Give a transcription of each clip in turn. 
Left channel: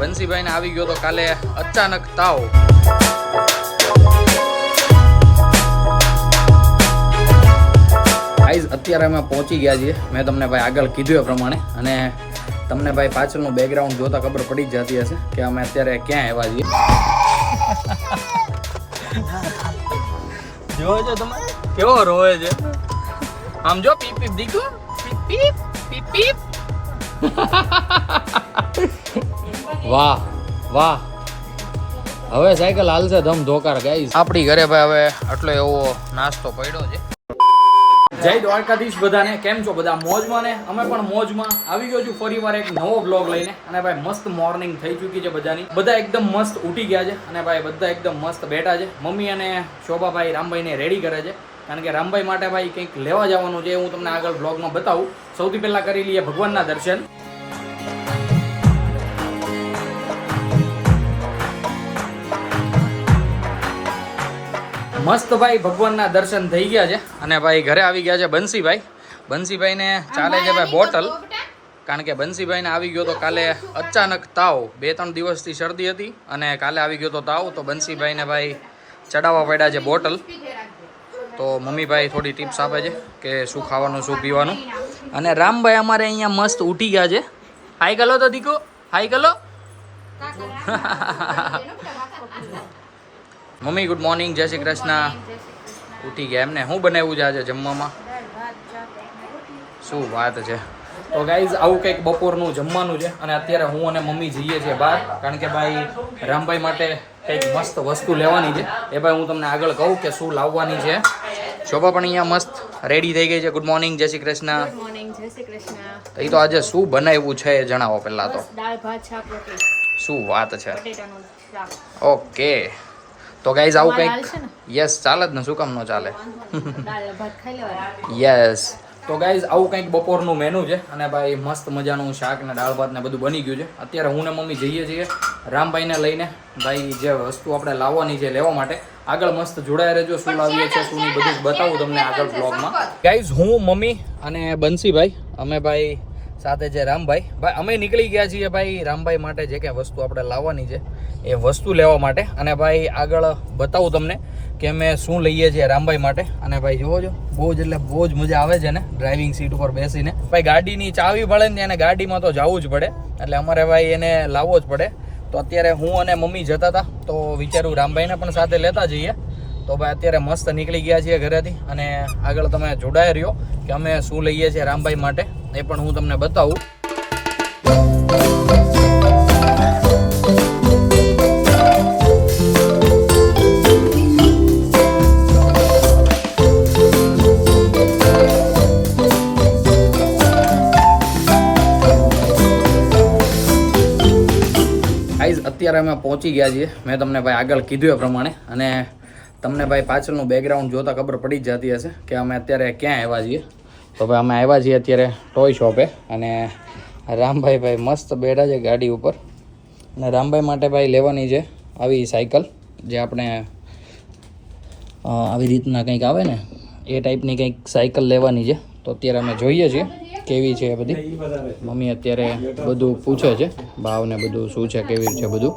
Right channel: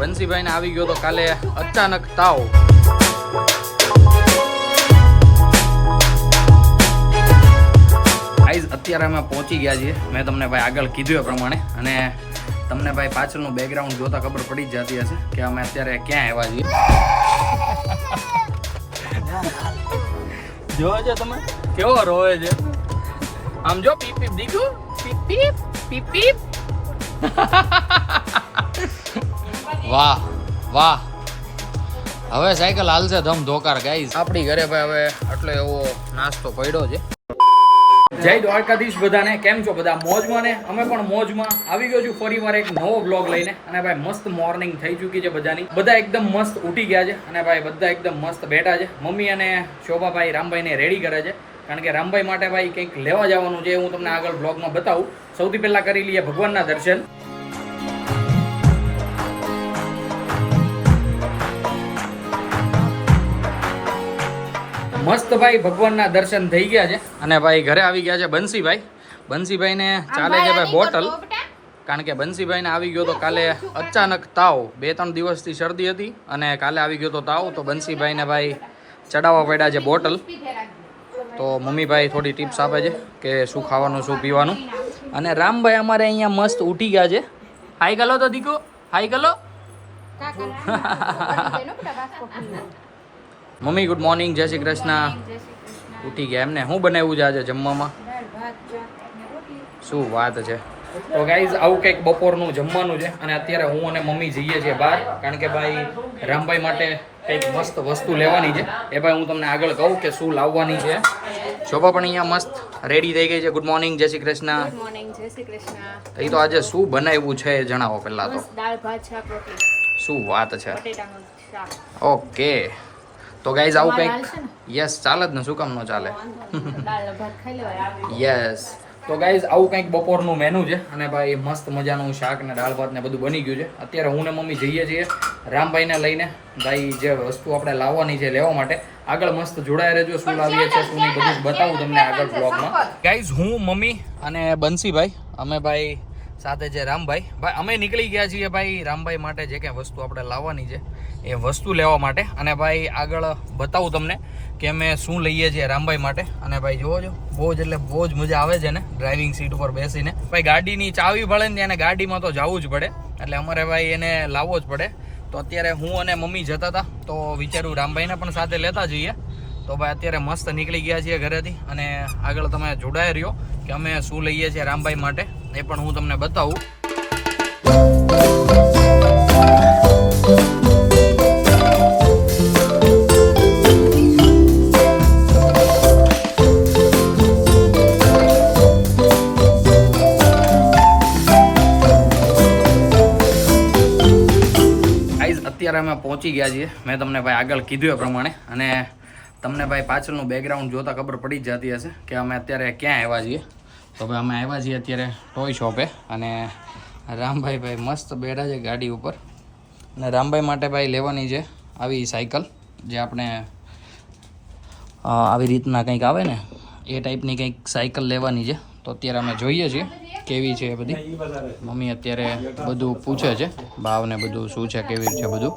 બંસીભાઈ ને આવી ગયો તો કાલે અચાનક તાવ. ગાઈઝ અત્યારે અમે પહોંચી ગયા છીએ, મેં તમને ભાઈ આગળ કીધું એ પ્રમાણે, અને તમને ભાઈ પાછળનું બેકગ્રાઉન્ડ જોતા ખબર પડી જ જતી હશે કે અમે અત્યારે ક્યાં આવ્યા છીએ. જોજો તમે કેવો રોવે છે, આમ જો પીપ પીપ દીકુ પીપ પીપ પીપ. વાહ વાહ, હવે સાયકલ હાલશે ધમ ધોકાર. ગાઈઝ આપણી ઘરે ભાઈ હવે આટલો એવો નાસ્તો પડ્યો છે. જય દ્વારકાધીશ બધાને, કેમ છો બધા? મોજમાં ને? અમે પણ મોજમાં. આવી ગયો છું ફરીવાર એક નવો બ્લોગ લઈને, અને ભાઈ મસ્ત મોર્નિંગ થઈ ચૂકી છે બધાની. બધા એકદમ મસ્ત ઉઠી ગયા છે, અને ભાઈ બધા એકદમ મસ્ત બેઠા છે. મમ્મી અને શોભાભાઈ રામભાઈને રેડી કરે છે, કારણ કે રામભાઈ માટે ભાઈ કંઈક લેવા જવાનું છે. હું તમને આગળ બ્લોગમાં બતાવું. સૌથી પહેલા કરી લઈએ ભગવાનના દર્શન. મસ્ત ભાઈ ભગવાનના દર્શન થઈ ગયા છે, અને ભાઈ ઘરે આવી ગયા છે બંસીભાઈ. બંસીભાઈને ચાલે છે ભાઈ બોટલ, કારણ કે બંસીભાઈને આવી ગયો તો કાલે અચાનક તાવ. 2-3 દિવસથી શરદી હતી, અને કાલે આવી ગયો તો તાવ. તો બંસીભાઈને ભાઈ ચડાવવા પડ્યા છે બોટલ. તો મમ્મીભાઈ થોડી ટિપ્સ આપે છે કે શું ખાવાનું શું પીવાનું. અને રામભાઈ અમારે અહીંયા મસ્ત ઉઠી ગયા છે. હાઈ ગલો તો દીકો, હાઈ ગલો. મમ્મી ગુડ મોર્નિંગ, જય શ્રી કૃષ્ણ. ઉઠી ગયા એમને? શું બનાવ્યું છે આજે જમવામાં? શું વાત છે. તો ગાઈઝ આવું કંઈક બપોરનું જમવાનું છે, અને અત્યારે હું અને મમ્મી જઈએ છીએ બહાર, કારણ કે ભાઈ રામભાઈ માટે કંઈક મસ્ત વસ્તુ લેવાની છે. એ ભાઈ હું તમને આગળ કહું કે શું લાવવાની છે. શોભા પણ અહીંયા મસ્ત રેડી થઈ ગઈ છે. ગુડ મોર્નિંગ, જય શ્રી કૃષ્ણ. ગુડ મોર્નિંગ, જય શ્રી કૃષ્ણ. તો એ તો આજે શું બનાવ્યું છે એ જણાવો પહેલા તો. દાળ ભાત શાક રોટલી. શું વાત છે. બટેટાનું શાક. ઓકે, તો ગાઈઝ આવું કંઈક. યસ, ચાલે જ ને, શું કામ ન ચાલે. દાળ ભાત ખાઈ લેવાય. યસ, તો ગાઈઝ આવું કંઈક બપોરનું મેનુ છે, અને ભાઈ મસ્ત મજાનું શાક ને દાળ ભાત ને બધું બની ગયું છે. અત્યારે હું ને મમ્મી જઈએ છીએ રામભાઈને લઈને. ભાઈ જે વસ્તુ આપણે લાવવાની છે લેવા માટે. આગળ મસ્ત જોડાયા રહેજો, શું લાવીએ છે શું નહીં બધું જ બતાવું તમને આગળ બ્લોગમાં. ગાઈઝ હું, મમ્મી અને બંસીભાઈ, અમે ભાઈ સાથે છે રામભાઈ. ભાઈ અમે નીકળી ગયા છીએ ભાઈ રામભાઈ માટે જે કંઈ વસ્તુ આપણે લાવવાની છે એ વસ્તુ લેવા માટે. અને ભાઈ આગળ બતાવું તમને કે અમે શું લઈએ છીએ રામભાઈ માટે. અને ભાઈ જોવો છો, બહુ જ એટલે બહુ જ મજા આવે છે ને ડ્રાઇવિંગ સીટ ઉપર બેસીને. ભાઈ ગાડીની ચાવી પડે ને એને ગાડીમાં તો જવું જ પડે, એટલે અમારે ભાઈ એને લાવવો જ પડે. તો અત્યારે હું અને મમ્મી જતા હતા, તો વિચારું રામભાઈને પણ સાથે લેતા જઈએ. તો ભાઈ અત્યારે મસ્ત નીકળી ગયા છીએ ઘરેથી, અને આગળ તમે જોડાઈ રહ્યો કે અમે શું લઈએ છીએ રામભાઈ માટે, એ પણ હું તમને બતાવું. અત્યારે અમે પહોંચી ગયા છીએ, મેં તમને ભાઈ આગળ કીધું એ પ્રમાણે, અને તમને ભાઈ પાછળનું બેકગ્રાઉન્ડ જોતા ખબર પડી જ જતી હશે કે અમે અત્યારે ક્યાં આવ્યા છીએ. તો ભાઈ અમે આવ્યા છીએ અત્યારે ટોય શોપે, અને રામભાઈ ભાઈ મસ્ત બેઠા છે ગાડી ઉપર. અને રામભાઈ માટે ભાઈ લેવાની છે આવી સાયકલ, જે આપણે આવી રીતના કંઈક આવે ને એ ટાઈપની કંઈક સાયકલ લેવાની છે. તો અત્યારે અમે જોઈએ છીએ કેવી છે એ બધી. મમ્મી અત્યારે બધું પૂછે છે, ભાવ ને બધું શું છે કેવી છે બધું.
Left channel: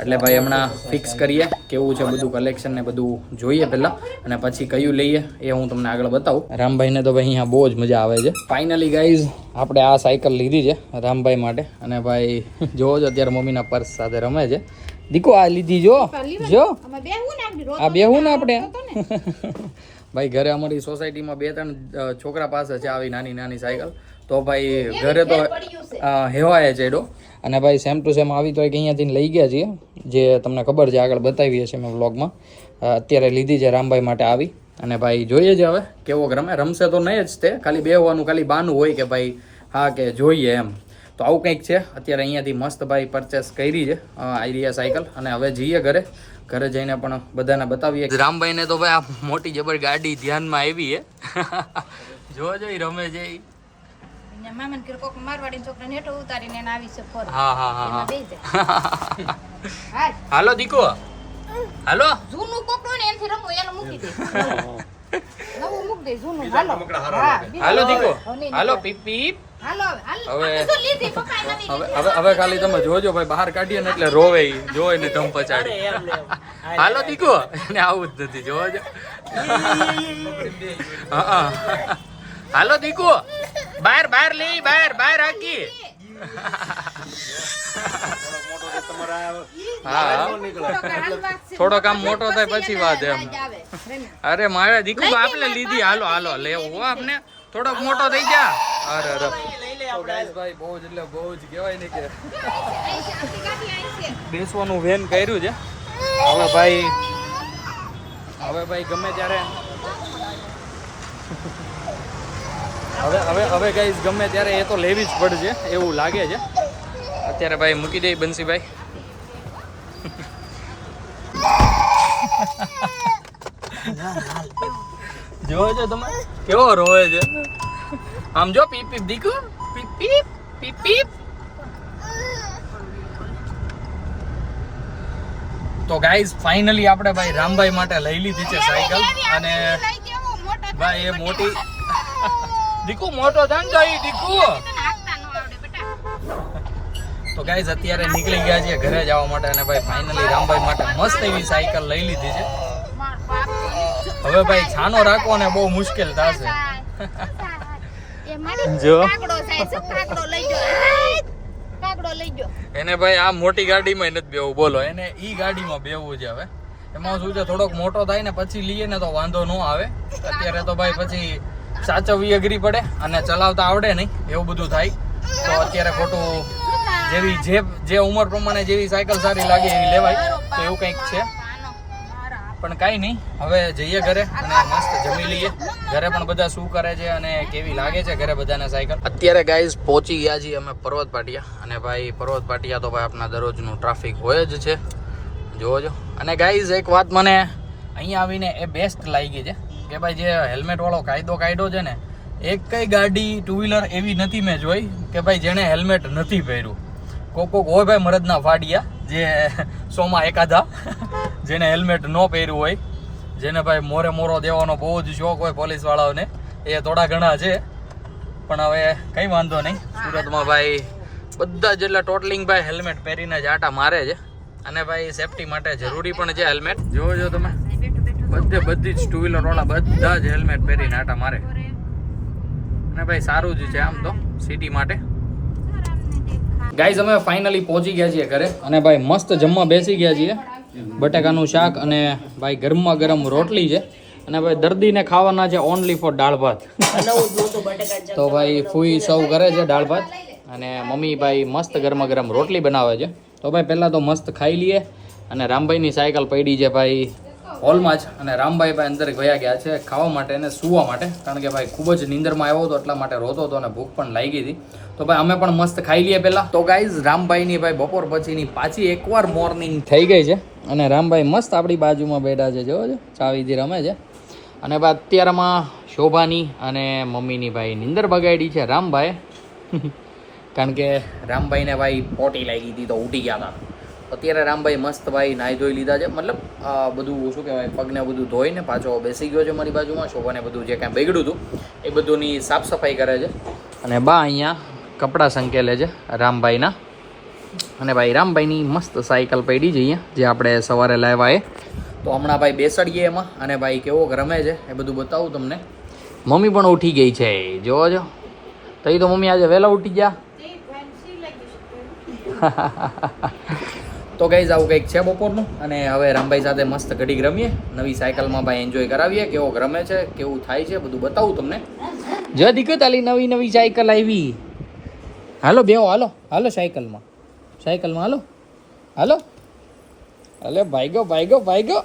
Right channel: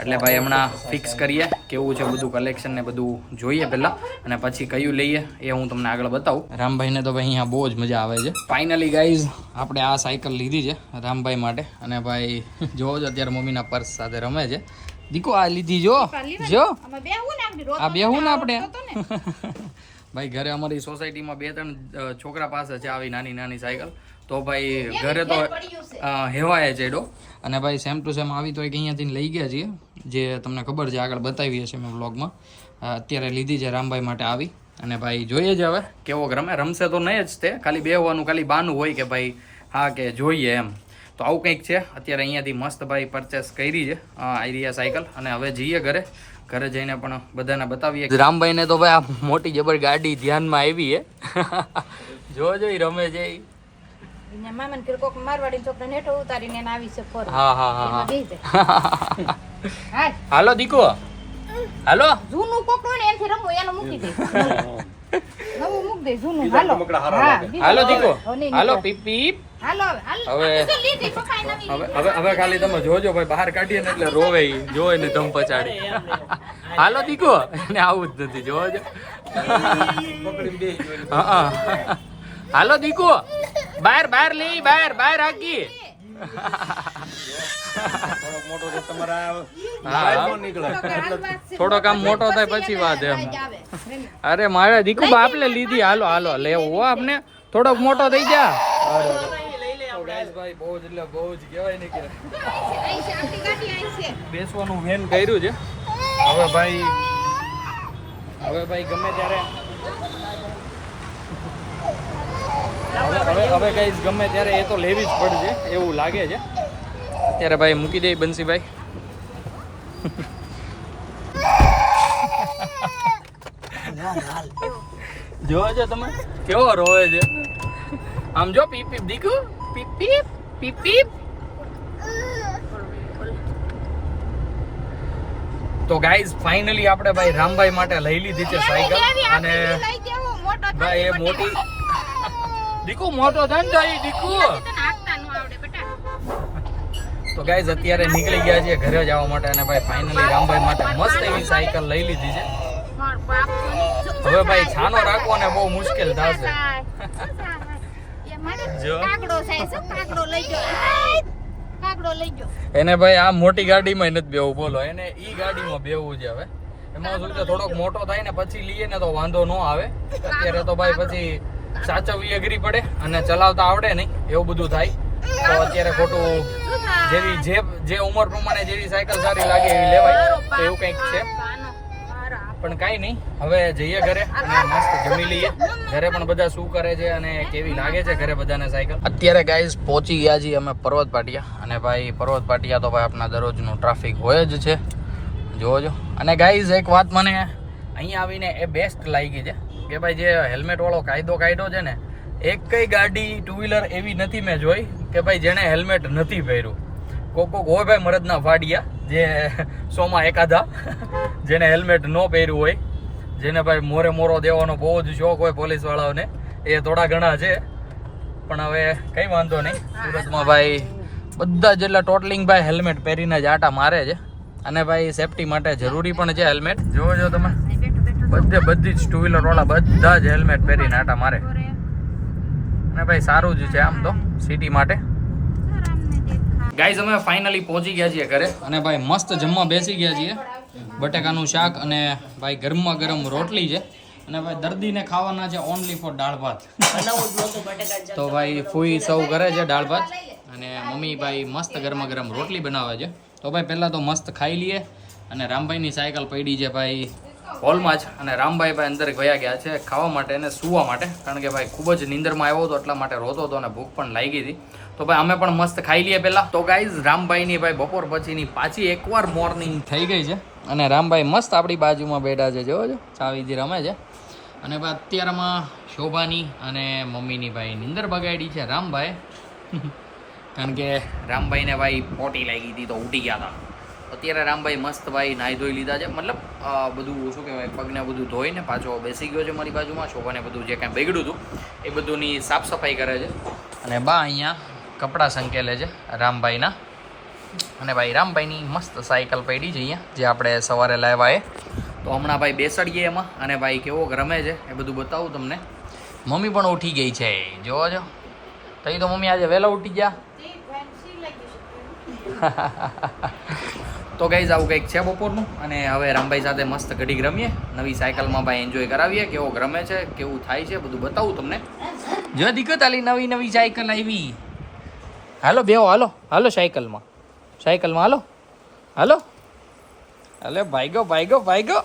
એટલે ભાઈ હમણાં ફિક્સ કરીએ કેવું છે બધું, કલેક્શન ને બધું જોઈએ પહેલાં, અને પછી કયું લઈએ એ હું તમને આગળ બતાવું. રામભાઈને તો ભાઈ અહીંયા બહુ જ મજા આવે છે. ફાઇનલી ગાઈઝ આપણે આ સાયકલ લીધી છે રામભાઈ માટે. અને ભાઈ જોવો છો અત્યારે મમ્મીના પર્સ સાથે રમે છે. દીકો આ લીધી જો જો, આ બેહું ને આપણે. ભાઈ ઘરે અમારી સોસાયટીમાં 2-3 છોકરા પાસે છે આવી નાની નાની સાયકલ. તો ભાઈ ઘરે તો હેવાય છે એડો. અને ભાઈ સેમ ટુ સેમ આવી તો એક અહીંયાથી લઈ ગયા છીએ, જે તમને ખબર છે આગળ બતાવીએ છીએ મેં વ્લોગમાં. અત્યારે લીધી છે રામભાઈ માટે આવી. અને ભાઈ જોઈએ છે હવે કેવો રમે. રમશે તો નહીં જ તે, ખાલી બેહવાનું ખાલી બાનું હોય કે ભાઈ હા કે જોઈએ એમ. તો આવું કંઈક છે. અત્યારે અહીંયાથી મસ્ત ભાઈ પરચેસ કરી છે આઈરિયા સાયકલ. અને હવે જઈએ ઘરે. ઘરે જઈને પણ બધાને બતાવીએ. રામભાઈને તો ભાઈ આ મોટી જબર ગાડી ધ્યાનમાં આવી છે. જોજો એ રમે છે. હા હા હા હા. હાલો દીકો, હાલો. દે જૂનું હાલો હાલો દીકો હાલો પીપ પીપ હાલો હવે હવે ખાલી તમે જોજો ભાઈ બહાર કાઢીએ ને એટલે રોવે ઈ જોવે ને ધમ પચાડી હાલો દીકો એને આવું જ નથી જોજો હા હાલો દીકો બહાર લે બહાર હાકી હા થોડો કામ મોટો થાય પછી વાત એમ અરે મારે દીકુ બાપલે લીધી હાલો લેવો આપને થોડોક મોટો થઈ જા અરે ભાઈ બહુ જ એટલે બહુ જ કહેવાય ને કે બેસવાનું વેન કર્યું છે હવે ભાઈ ગમે ત્યારે હવે ગાઈસ ગમે ત્યારે એ તો લેવી જ પડશે એવું લાગે છે અત્યારે ભાઈ મૂકી દે બંસીભાઈ જોજો તમે કેવો રોવે છે આમ જો પીપ પીપ દીકુ પીપ પીપ પીપ પીપ તો ગાઈઝ ફાઇનલી આપણે ભાઈ રામભાઈ માટે લઈ લીધી છે સાયકલ અને ભાઈ એ મોટી દીકુ મોટો ધંધો ઈ દીકુ તો ગાઈઝ અત્યારે નીકળી ગયા છીએ ઘરે જવા માટે અને ભાઈ ફાઇનલી રામભાઈ માટે મસ્ત એવી સાયકલ લઈ લીધી છે હવે ભાઈ છાનો રાખવો ને બહુ મુશ્કેલ થશે જો એને ભાઈ આ મોટી ગાડીમાં નથી બેવું બોલો એને ઈ ગાડીમાં બેવું છે હવે એમાં શું છે થોડોક મોટો થાય ને પછી લઈએ ને તો વાંધો ન આવે અત્યારે તો ભાઈ પછી સાચવવી અઘરી પડે અને ચલાવતા આવડે નહીં એવું બધું થાય તો અત્યારે ખોટું જેવી જે ઉંમર પ્રમાણે જેવી સાયકલ સારી લાગે એવી લેવાય તો એવું કંઈક છે પણ કાંઈ નહીં હવે જઈએ ઘરે અને મસ્ત જમી લઈએ ઘરે પણ બધા શું કરે છે અને કેવી લાગે છે ઘરે બધાને સાયકલ અત્યારે ગાઈઝ પહોંચી ગયા છીએ અમે પર્વત પાટિયા અને ભાઈ પર્વત પાટિયા તો ભાઈ આપણા દરરોજનું ટ્રાફિક હોય જ છે જોજો અને ગાઈઝ એક વાત મને અહીંયા આવીને એ બેસ્ટ લાગી છે કે ભાઈ જે હેલ્મેટ વાળો કાયદો કાઢ્યો છે ને એક કઈ ગાડી ટુ વ્હીલર એવી નથી મેં જોઈ કે ભાઈ જેને હેલ્મેટ નથી પહેર્યું કોક હોય ભાઈ મરદના ફાડિયા જે 100માં એકાદા જેને હેલ્મેટ ન પહેર્યું હોય જેને ભાઈ મોરો દેવાનો બહુ જ શોખ હોય પોલીસ વાળાઓને એ થોડા ઘણા છે પણ હવે કંઈ વાંધો નહીં સુરતમાં ભાઈ બધા જેટલા ટોટલિંગ ભાઈ હેલ્મેટ પહેરીને જ આટા મારે છે અને ભાઈ સેફટી માટે જરૂરી પણ છે હેલ્મેટ જોજો તમે બધી જ ટુ વ્હીલર વાળા બધા જ હેલ્મેટ પહેરીને આટા મારે અને ભાઈ સારું જ છે આમ તો સિટી માટે ગાઈઝ અમે ફાઇનલી પહોંચી ગયા છીએ ઘરે અને ભાઈ મસ્ત જમવા બેસી ગયા છીએ બટાકાનું શાક અને ભાઈ ગરમા ગરમ રોટલી છે અને ભાઈ દર્દીને ખાવાના છે ઓનલી ફોર દાળ ભાત તો ભાઈ ફૂઈ સર્વ કરે છે દાળ ભાત અને મમ્મી ભાઈ મસ્ત ગરમા ગરમ રોટલી બનાવે છે તો ભાઈ પહેલાં તો મસ્ત ખાઈ લઈએ અને રામભાઈની સાયકલ પડી છે ભાઈ હોલમાં જ અને રામભાઈ ભાઈ અંદર ગયા છે ખાવા માટે અને સૂવા માટે કારણ કે ભાઈ ખૂબ જ નીંદરમાં આવ્યો હતો એટલા માટે રોતો હતો અને ભૂખ પણ લાગી હતી તો ભાઈ અમે પણ મસ્ત ખાઈ લઈએ પહેલાં તો ગાઈઝ રામભાઈની ભાઈ બપોર પછીની પાછી એકવાર મોર્નિંગ થઈ ગઈ છે અને રામભાઈ મસ્ત આપણી બાજુમાં બેઠા છે જોજો ચાવીથી રમે છે અને ભાઈ અત્યારમાં શોભાની અને મમ્મીની ભાઈ નીંદર બગાડી છે રામભાઈ કારણ કે રામભાઈને ભાઈ પોટી લાગી હતી તો ઉઠી ગયા હતા અત્યારે રામભાઈ મસ્ત ભાઈ નાહી ધોઈ લીધા છે મતલબ બધું શું કહેવાય પગને બધું ધોઈને પાછો બેસી ગયો છે મારી બાજુમાં શોભાને બધું જે કાંઈ બગડ્યું હતું એ બધુંની સાફ સફાઈ કરે છે અને બા અહીંયા કપડાં સંકેલે છે રામભાઈના અને ભાઈ રામભાઈની મસ્ત સાયકલ પડી છે અહીંયા જે આપણે સવારે લાવ્યા એ તો હમણાં ભાઈ બેસાડીએ એમાં અને ભાઈ કેવો રમે છે એ બધું બતાવું તમને મમ્મી પણ ઉઠી ગઈ છે જોજો તઈ તો મમ્મી આજે વહેલા ઉઠી ગયા તો ગાઈઝ આવું કંઈક છે બપોરનું અને હવે રામભાઈ સાથે મસ્ત ઘડીક રમીએ નવી સાયકલમાં ભાઈ એન્જોય કરાવીએ કેવો રમે છે કેવું થાય છે બધું બતાવું તમને જો દીકરો તાલી નવી સાયકલ આવી હાલો બેહો હાલો સાયકલમાં હાલો અલે ભાઈગો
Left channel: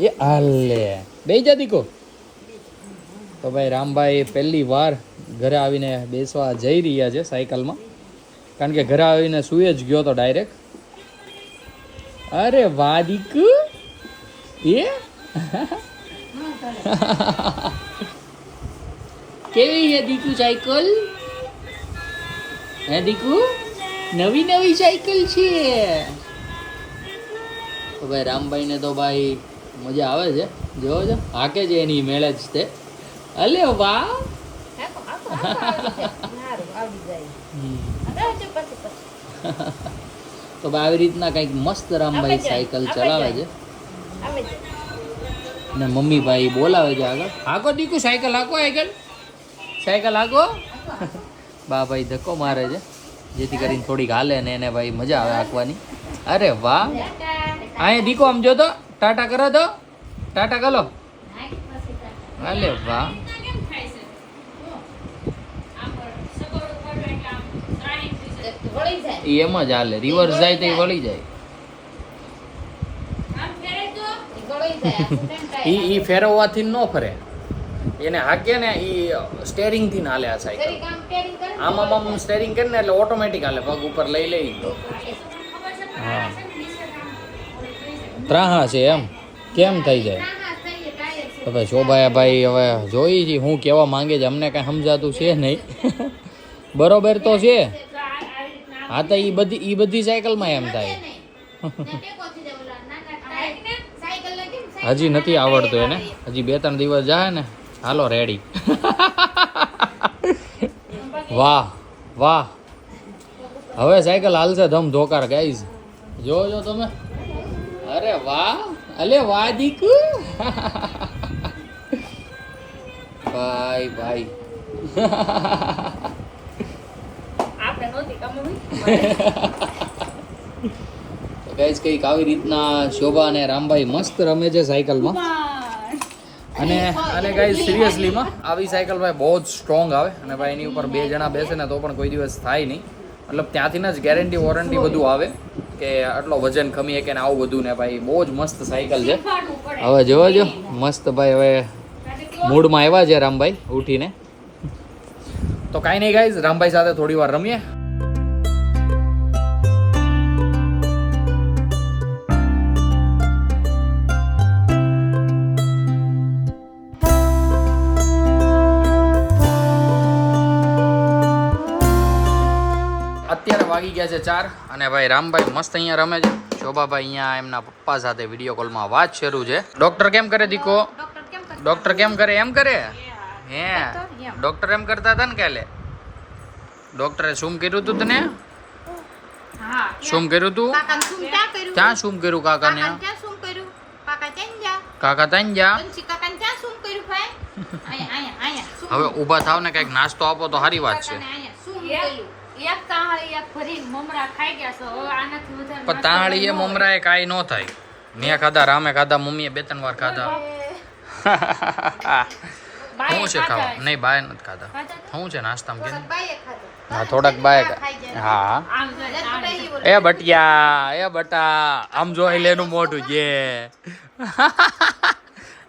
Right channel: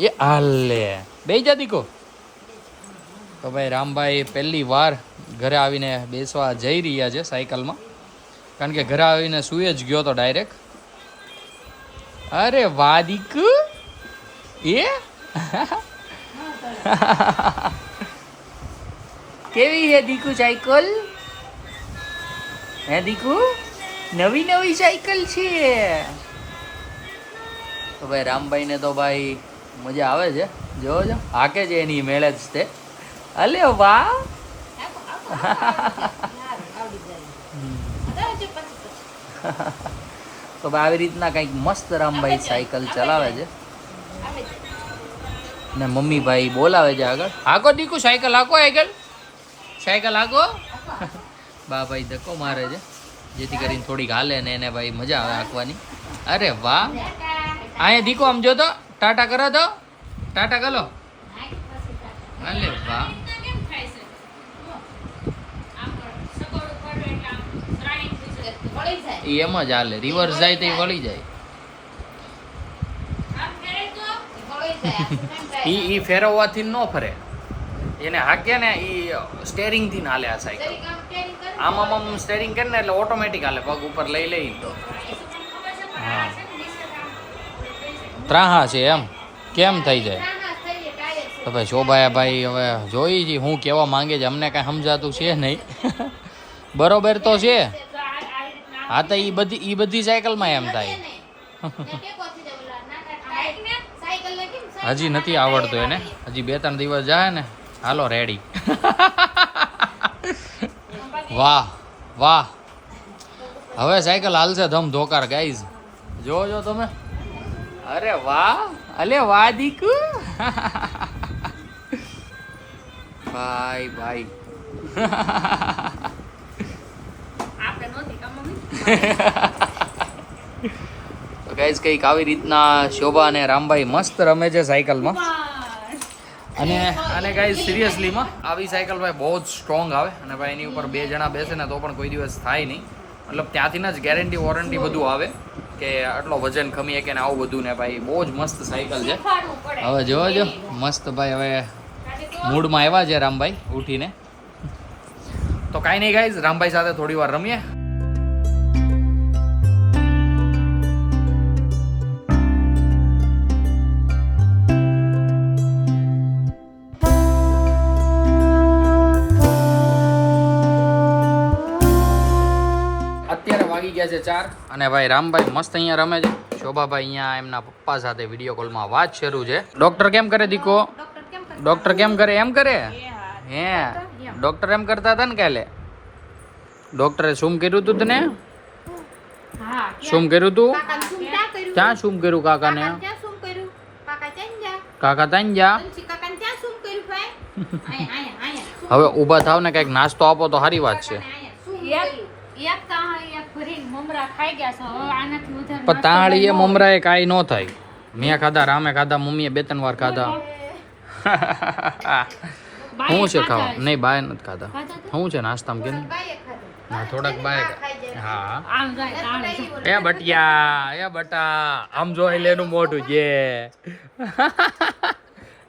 એ હાલે બે જા દીકો તો ભાઈ રામભાઈ પહેલી વાર ઘરે આવીને બેસવા જઈ રહ્યા છે સાયકલમાં કારણ કે ઘરે આવીને સુઈ જ ગયો તો ડાયરેક્ટ અરે વાહ દીકુ એ કેવી છે દીકુ સાયકલ હે દીકુ નવી સાયકલ છે તો ભાઈ રામભાઈને તો ભાઈ મજા આવે છે જોવો છો હાકે છે એની મેળે જ તે અલે વાહ તો આવી રીતના કંઈક મસ્ત રામભાઈ સાયકલ ચલાવે છે ને મમ્મી ભાઈ બોલાવે છે આગળ હાકો દીકુ સાયકલ હાકો સાયકલ હાકો બા ભાઈ ધક્કો મારે છે જેથી કરીને થોડીક હાલે ને એને ભાઈ મજા આવે હાંકવાની અરે વાહ અહીંયા દીકો આમ જો તો ટાટા કરો તો ટાટા કરો અલે વાહ એ એમ જ હાલે રિવર્સ જાય તો એ વળી જાય ઈ ફેરવવાથી ન ફરે એને હાકે ને ઈ સ્ટેરિંગ થી હાલે આ સાયકલ આમ સ્ટેરિંગ કરે ને એટલે ઓટોમેટિક હાલે પગ ઉપર લઈ લઈ તો હા ત્રાહા છે એમ કેમ થઈ જાય તો ભાઈ શોભાયા ભાઈ હવે જોઈ છે હું કેવા માંગે છે અમને કઈ સમજાતું છે નહીં બરોબર તો છે હા તો ઈ બધી સાયકલમાં એમ થાય હજી નથી આવડતું એને હજી 2-3 દિવસ જાય ને હાલો રેડી વાહ વાહ હવે સાયકલ હાલશે ધમ ધોકાર ગાઈઝ જોજો તમે અરે વાહ અલે વાહ દીકુ ભાઈ ભાઈ ગાઈઝ કંઈક આવી રીતના શોભા અને રામભાઈ મસ્ત રમે છે સાયકલમાં અને ગાઈઝ સિરિયસલીમાં આવી સાયકલ ભાઈ બહુ જ સ્ટ્રોંગ આવે અને ભાઈ એની ઉપર 2 જણા બેસે ને તો પણ કોઈ દિવસ થાય નહીં મતલબ ત્યાંથી જ ગેરંટી વોરંટી બધું આવે કે આટલો વજન ખમી શકે ને આવું બધું ને ભાઈ બહુ જ મસ્ત સાયકલ છે હવે જોવા જો મસ્ત ભાઈ હવે મૂડમાં આવ્યા છે રામભાઈ ઉઠીને તો કાંઈ નહીં ગાઈઝ રામભાઈ સાથે થોડી વાર રમીએ અત્યારે વાગી ગયા છે 4 અને ભાઈ રામભાઈ મસ્ત અહીંયા રમે છે શોભાભાઈ અહીંયા એમના પપ્પા સાથે વિડીયો કોલમાં વાત શરૂ છે ડોક્ટર કેમ કરે દીકો ડોક્ટર કેમ કરે એમ કરે હે ડોક્ટર એમ કરતા હતા ને કાલે ડોક્ટરે શું કર્યું તું તને શું કર્યું તું ક્યાં શું કર્યું કાકાને કાકા ત્યાં જા હવે ઊભા થાવ ને કઈક નાસ્તો આપો તો સારી વાત છે પણ તાળી એ મમરા એ કાંઈ ન થાય મેં ખાધા રામે ખાધા મમ્મીએ 2-3 વાર ખાધા શું છે ખાવા નહીં બાય નથી ખાધા શું છે નાસ્તામાં કે હા થોડાક બાય હા એ બટિયા એ બટા આમ જોઈ લેનું મોઢું જે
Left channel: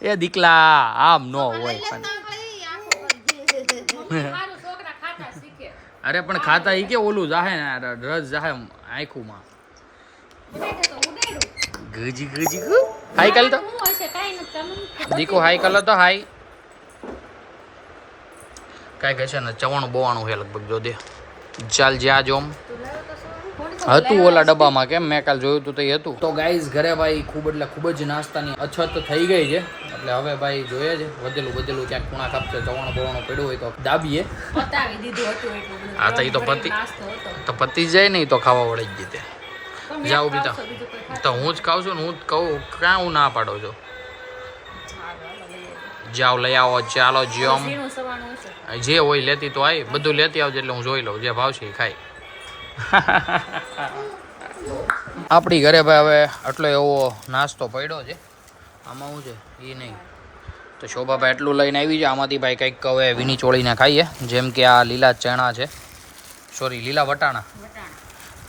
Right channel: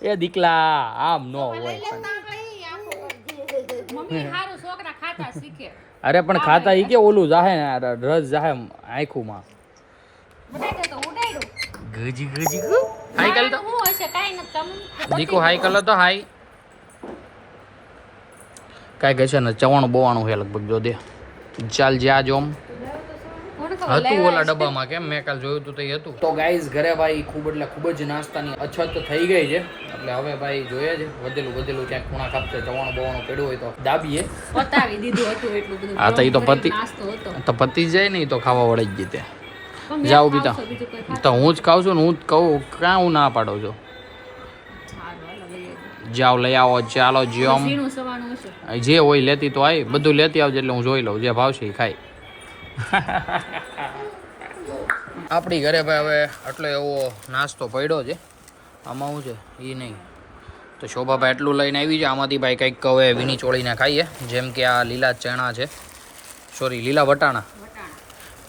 એ દીકલા આમ ન હોય પણ અરે પણ ખાતા ઈ કે ઓલું જાહે ને રસ જાહે આંખુમાં ગજી ગજી હાઈ કાલ તો દીકો હાઈ કલ તો હાઈ કાંઈ કહે છે ને 94 છે લગભગ જો દે ચાલ જ્યાં જોમ હતું ઓલા ડબ્બામાં કેમ મેં કાલ જોયું હતું તો એ હતું તો ગાઈઝ ઘરે ભાઈ ખૂબ જ નાસ્તાની અછત થઈ ગઈ છે એટલે હવે ભાઈ જોઈએ છે વધેલું ક્યાંક ખૂણા કાપતે 94 પડ્યું હોય તો દાબીએ બતાવી દીધું હતું એટલું બધું હા તો એ તો પતી જાય ને તો ખાવા વળી જ જીતે જાઓ બીતા તો હું જ ખાઉં છું ને હું જ કહું ક્યાં હું ના પાડો છો જાઓ લઈ આવો ચાલો જ્યોમ જે હોય લેતી તો આવી બધું લેતી આવજે એટલે હું જોઈ લઉં જે ભાવશે એ ખાઈ આપણી ઘરે ભાઈ હવે આટલો એવો નાસ્તો પડ્યો છે આમાં શું છે એ નહીં તો શોભાભાઈ એટલું લઈને આવી છે આમાંથી ભાઈ કંઈક હવે વીણી ચોળીને ખાઈએ જેમ કે આ લીલા ચણા છે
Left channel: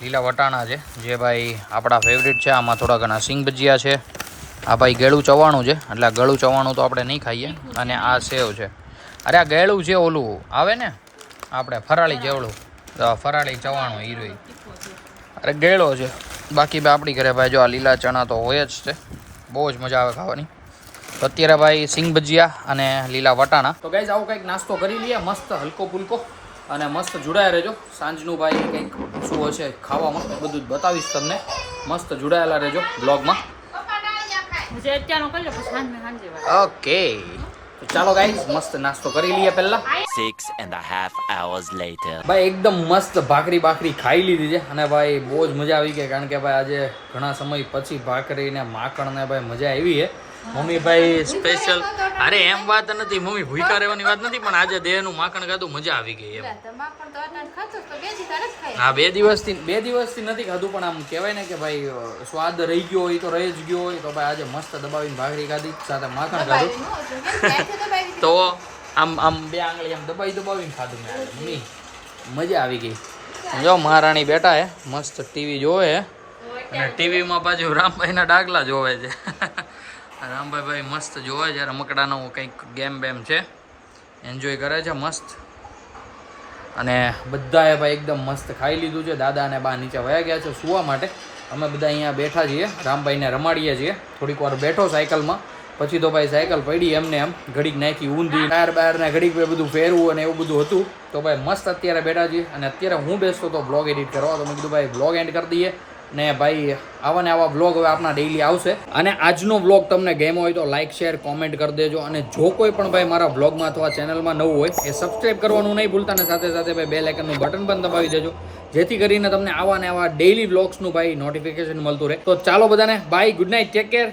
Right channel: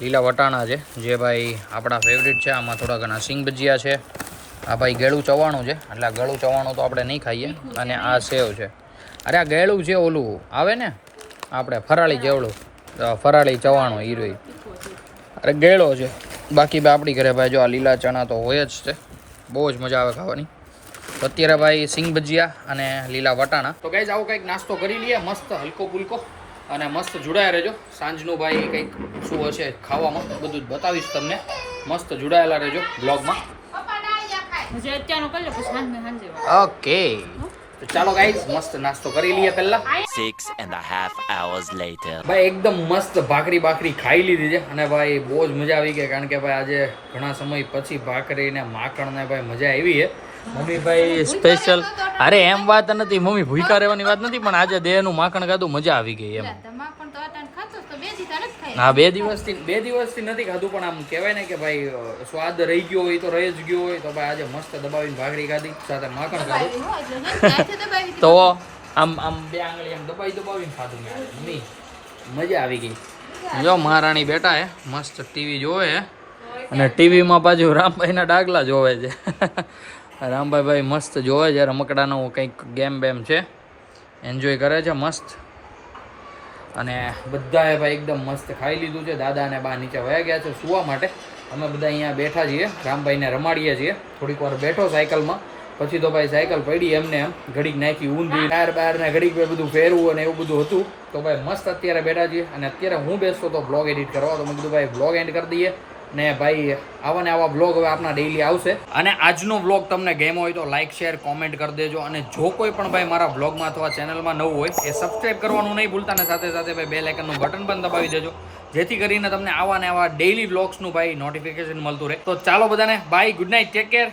લીલા વટાણા છે જે ભાઈ આપણા ફેવરિટ છે આમાં થોડા ઘણા સિંગ ભજીયા છે આ ભાઈ ગળું ચવાણું છે એટલે આ ગળું ચવાણું તો આપણે નહીં ખાઈએ અને આ સેવ છે અરે આ ગળું છે ઓલું આવે ને આપણે ફરાળી જેવડું ફરાળી ચવાણું હીરોઈ અરે ગેળો છે બાકી ભાઈ આપણી ઘરે ભાઈ જો આ લીલા ચણા તો હોય જ છે બહુ જ મજા આવે ખાવાની તો અત્યારે ભાઈ સિંગ ભજીયા અને લીલા વટાણા તો ગાઈઝ આવું કંઈક નાસ્તો કરી લઈએ મસ્ત હલકો ફુલકો અને મસ્ત જોડાયા રહેજો સાંજનું ભાઈ કંઈક શું હશે ખાવામાં બધું જ બતાવીશ તમને મસ્ત જોડાયેલા રહેજો બ્લોગમાં હજી અત્યારનો કરી લે પછી સાંજે વાળા. ઓકે તો ચાલો ગાઈઝ મસ્ત નાસ્તો કરી લઈએ પહેલા 6.5 hours later. ભાઈ એકદમ મસ્ત ભાખરી ખાઈ લીધી છે અને ભાઈ બહુ જ મજા આવી ગઈ કારણ કે ભાઈ આજે ઘણા સમય પછી ભાખરી ને માખણ ને ભાઈ મજા આવી છે મમ્મી ભાઈ સ્પેશિયલ અરે એમ વાત નથી મમ્મી ભૂખા રહેવાની વાત નથી પણ આજે દેહનું માખણ ખાધું મજા આવી ગઈ એમ માખણ તો અટાણ ખાતો તો 2 દી તારે જ ખાય. હા 2 દિવસથી નથી ખાધું પણ આમ કહેવાય ને કે ભાઈ સ્વાદ રહી ગયો હોય તો રહી જ ગયો હોય તો ભાઈ આજે મસ્ત દબાવીને ભાખરી ખાધી સાથે માખણ ખાધું એટલે હેઠે દબાવી દીધું. તો આમ બે આંગળી આમ દબાવીને ખાધું મેં આજે મમ્મી મજા આવી ગઈ જો મહારાણી બેઠા હે મસ્ત ટીવી જોવે હે અને ટીવીમાં પાછું રામભાઈના ડાગલા જોવે છે રામભાઈ ભાઈ મસ્ત જોવે છે રમકડાનો કંઈક ગેમ બેમ છે એન્જોય કરે છે મસ્ત અને બધાએ ભાઈ એકદમ મસ્ત ખાઈ લીધું છે દાદા અને બા નીચે વયા ગયા છે સુવા માટે અમે બધા અહીંયા બેઠા છીએ રામભાઈને રમાડીએ છીએ થોડીક વાર બેઠો સાયકલમાં પછી તો ભાઈ સાયકલ પડી એમને એમ ઘડીક નાખી ઊંધી બહાર ને ઘડીક બધું ફેરવું અને એવું બધું હતું તો ભાઈ મસ્ત અત્યારે બેઠા છીએ અને અત્યારે હું બેસતો તો બ્લોગ એડિટ કરવા તો મેં કીધું ભાઈ બ્લોગ એન્ડ કરી દઈએ ને ભાઈ આવા ને આવા બ્લોગ હવે આપણા ડેઈલી આવશે અને આજનો બ્લોગ તમને ગમ્યો હોય તો લાઇક શેર કોમેન્ટ કરી દેજો અને જો કોઈ પણ ભાઈ મારા બ્લોગમાં અથવા ચેનલમાં નવું હોય એ સબસ્ક્રાઇબ કરવાનું નહીં ભૂલતા ને સાથે સાથે ભાઈ બેલ આઇકનનું બટન પણ દબાવી દેજો જેથી કરીને તમને આવા ને આવા ડેઈલી બ્લોગ્સનું ભાઈ નોટિફિકેશન મળતું રહે તો ચાલો બધાને bye good night take care